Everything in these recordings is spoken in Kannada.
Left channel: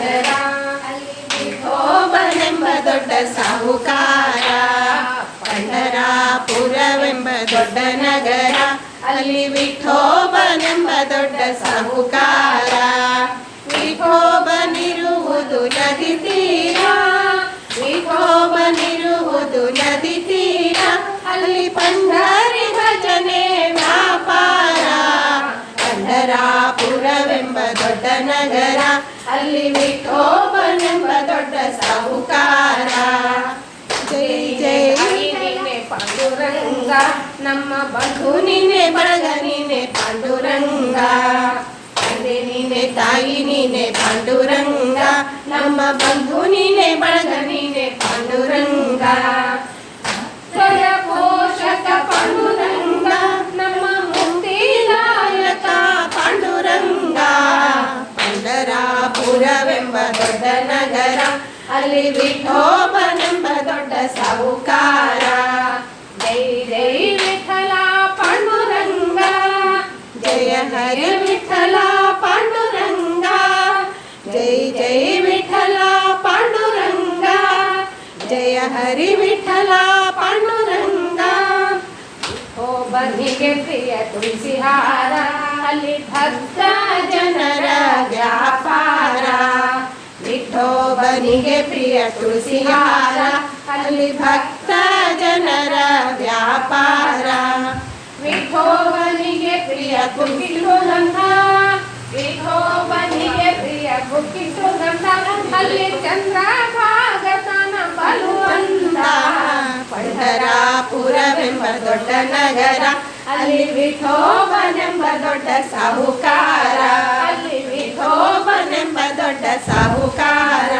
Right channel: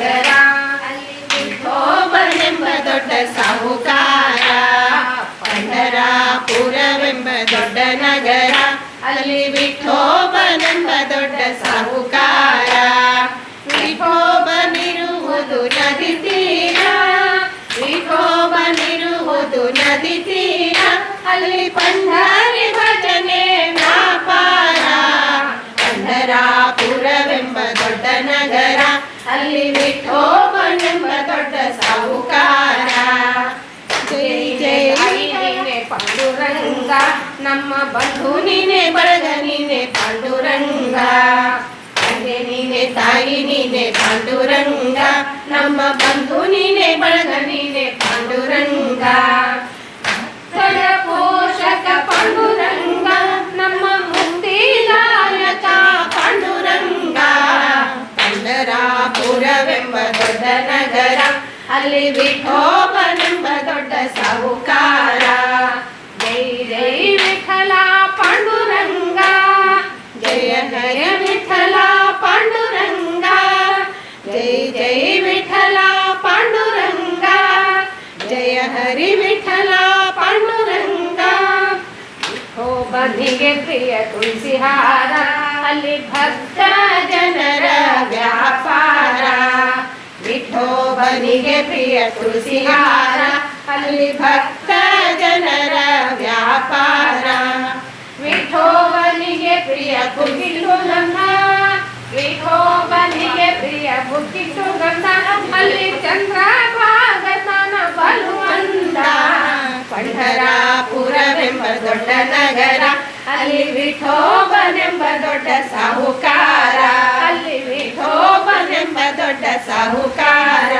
ನಗರ, ಅಲ್ಲಿ ವಿಠೋಬನೆಂಬ ದೊಡ್ಡ ಸಾಹುಕಾರ. ಪಂಢರಾಪುರವೆಂಬ ದೊಡ್ಡ ನಗರ, ಅಲ್ಲಿ ವಿಠೋಬನೆಂಬ ದೊಡ್ಡ ಸಾಹುಕಾರ. ವಿಠೋಬನಿರುವುದು ನದಿ ತೀರ, ವಿಠೋಬನಿರುವುದು ನದಿ ತೀರ, ಅಲ್ಲಿ ಪಂಢರಿ ಭಜನೆ ವ್ಯಾಪಾರ. ಪಂಢರಾಪುರವೆಂಬ ದೊಡ್ಡ ನಗರ, ಅಲ್ಲಿ ವಿಠೋಬನೆಂಬ ದೊಡ್ಡ ಸಾಹುಕಾರ. ಜೈ ಜೈ ನೀನೆ ಪಾಂಡುರಂಗ, ನಮ್ಮ ಬಂಧು ನೀನೆ ಬಳಗ ನೀನೆ ಪಾಂಡುರಂಗ. ತಂದೆ ನೀನೆ ತಾಯಿ ನೀನೆ ಪಾಂಡುರಂಗ, ನಮ್ಮ ಬಂಧು ನೀನೆ ಬಳಗ ನೀನೆ ಪಾಂಡುರಂಗ. ಪೋಷಕ ಪಾಂಡುರಂಗ, ನಮ್ಮ ಮುಕ್ತಿದಾಯಕ ಪಾಂಡುರಂಗ. ಪಂಢರಾಪುರವೆಂಬ ದೊಡ್ಡ ನಗರ, ಅಲ್ಲಿ ವಿಠೋಬನೆಂಬ ದೊಡ್ಡ ಸಾಹುಕಾರ. ಜೈ ಜೈ ವಿಠಲ ಪಾಂಡುರಂಗ, ಜಯ ಹರಿ ವಿಠಲ ಪಾಂಡುರಂಗ. ಜೈ ಜೈ ವಿಠಲ ಪಾಂಡುರಂಗ, ಜಯ ಹರಿ ವಿಠಲ ಪಾಂಡುರಂಗ. ವಿಠೋಬನಿಗೆ ಪ್ರಿಯ ತುಳಸಿ ಹಾರ, ಅಲ್ಲಿ ಭಕ್ತ ಜನರ ವ್ಯಾಪಾರ. ವಿಠೋಬನಿಗೆ ಪ್ರಿಯ ತುಳಸಿ ಹಾರ, ಅಲ್ಲಿ ಭಕ್ತ ಜನರ ವ್ಯಾಪಾರ. ವಿಠೋಬನಿಗೆ ಪ್ರಿಯ ಬುಕ್ಕಿ ಸುಗಂಧ, ವಿಠೋಬನಿಗೆ ಪ್ರಿಯ ಬುಕ್ಕಿ ಸುಗಂಧ, ಅಲ್ಲಿ ಚಂದ್ರಭಾಗತನ ಬಲುವಂತ. ಪಂಢರಾಪುರವೆಂಬ ದೊಡ್ಡ ನಗರ, ಅಲ್ಲಿ ವಿಠೋಬನೆಂಬ ದೊಡ್ಡ ಸಾಹುಕಾರ. ಅಲ್ಲಿ ವಿಠೋಬನೆಂಬ ದೊಡ್ಡ ಸಾಹುಕಾರ.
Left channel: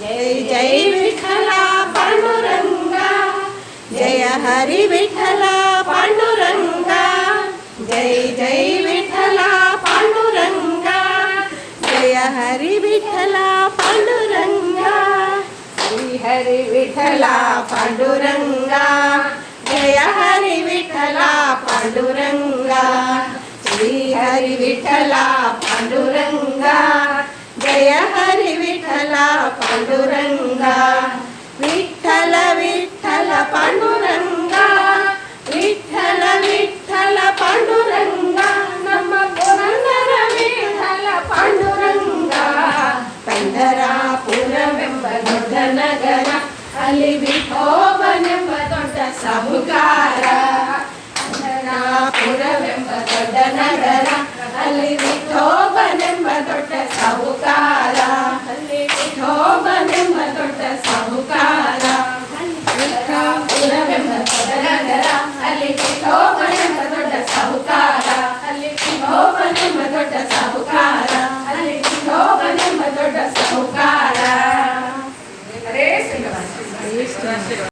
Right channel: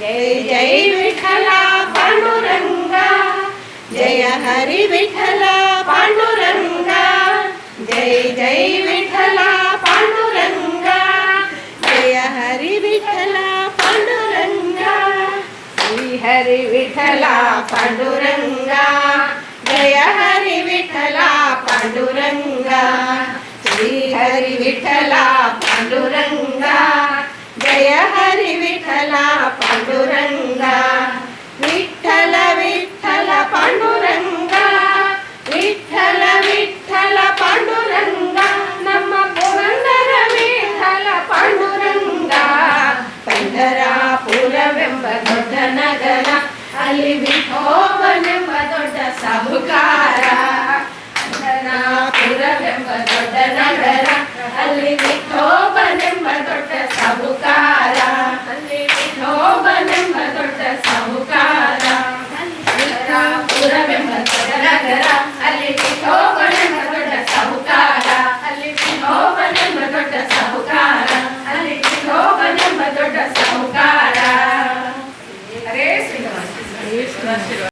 ಜೈ ಜೈ ವಿಠಲ ಪಾಂಡುರಂಗ, ಜಯ ಹರಿ ವಿಠಲ ಪಾಂಡುರಂಗ. ಜೈ ಜೈ ವಿಠಲ ಪಾಂಡುರಂಗ, ಜಯ ಹರಿ ವಿಠಲ ಪಾಂಡುರಂಗ. ಶ್ರೀ ಹರಿ ವಿಠಲ ಪಾಂಡುರಂಗ, ಜಯ ಹರಿ ವಿಠಲ ಪಾಂಡುರಂಗ. ಶ್ರೀ ಹರಿ ವಿಠಲ ಪಾಂಡುರಂಗ, ಜಯ ಹರಿ ವಿಠಲ ಪಾಂಡುರಂಗ. ವಿಠಲ ವಿಠಲ ಪಾಂಡುರಂಗ, ವಿಠಲ ವಿಠಲ ಪಾಂಡುರಂಗ, ನಮ್ಮ ಪುರಂದರ ವಿಠಲ ಪಾಂಡುರಂಗ. ಪಂಢರಾಪುರವೆಂಬ ದೊಡ್ಡ ನಗರ, ಅಲ್ಲಿ ವಿಠೋಬನೆಂಬ ದೊಡ್ಡ ಸಾಹುಕಾರ. ಪಂಢರಾಪುರವೆಂಬ